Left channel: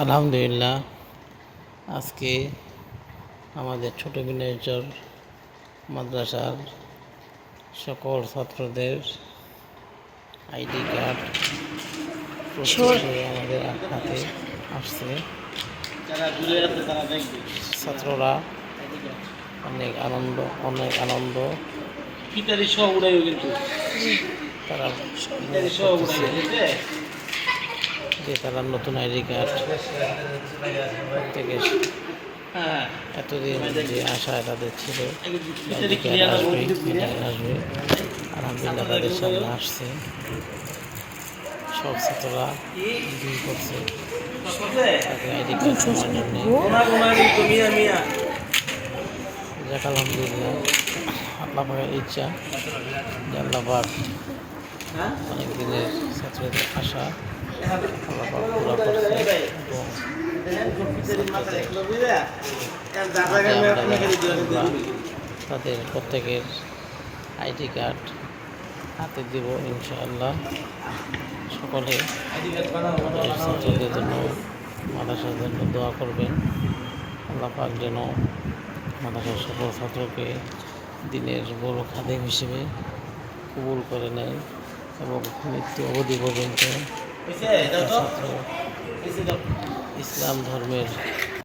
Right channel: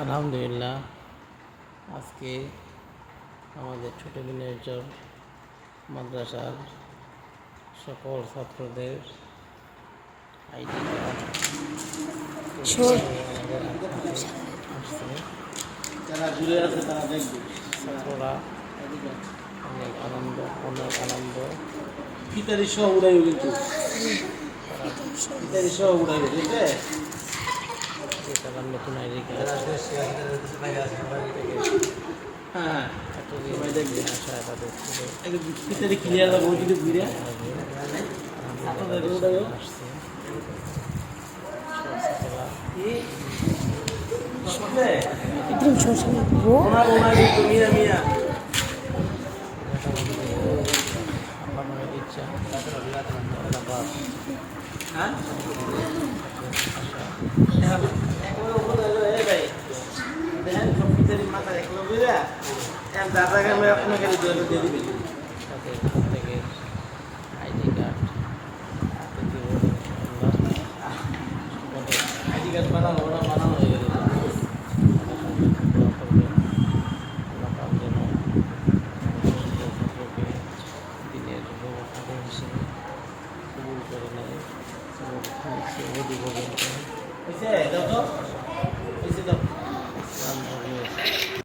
আলহামদুলিল্লাহ, আজকে আমাদের ছোট বিনাইচর মাদ্রাসার সকল ছাত্রদের আইডি কার্ড আমাদের হাতে আসছে। ছাত্ররা অনেক আনন্দ তারা নতুন আইডি কার্ড থেকে এতদিন যে আশা তাদের ছিল আসবে, আলহামদুলিল্লাহ তাদের সামনে আসছে। সব ছাত্ররা করছে আইডি কার্ড আল্লাহ পাকের ইচ্ছা, আল্লাহ পাক অনেকদিনের ছাত্রদের আশা তাদের প্রত্যেকের আইডি কার্ড হাতে দেব ইনশাআল্লাহ। সকলে জন্য মাদ্রাসার জন্য দোয়া করবেন। আল্লাহ পাক যেন মাদ্রাসার সকল ছাত্রকে দিনের বড় খাদেম হিসেবে কবুল করে নেয় এবং মৃত্যু অবধি পর্যন্ত ইসলাম ধর্মের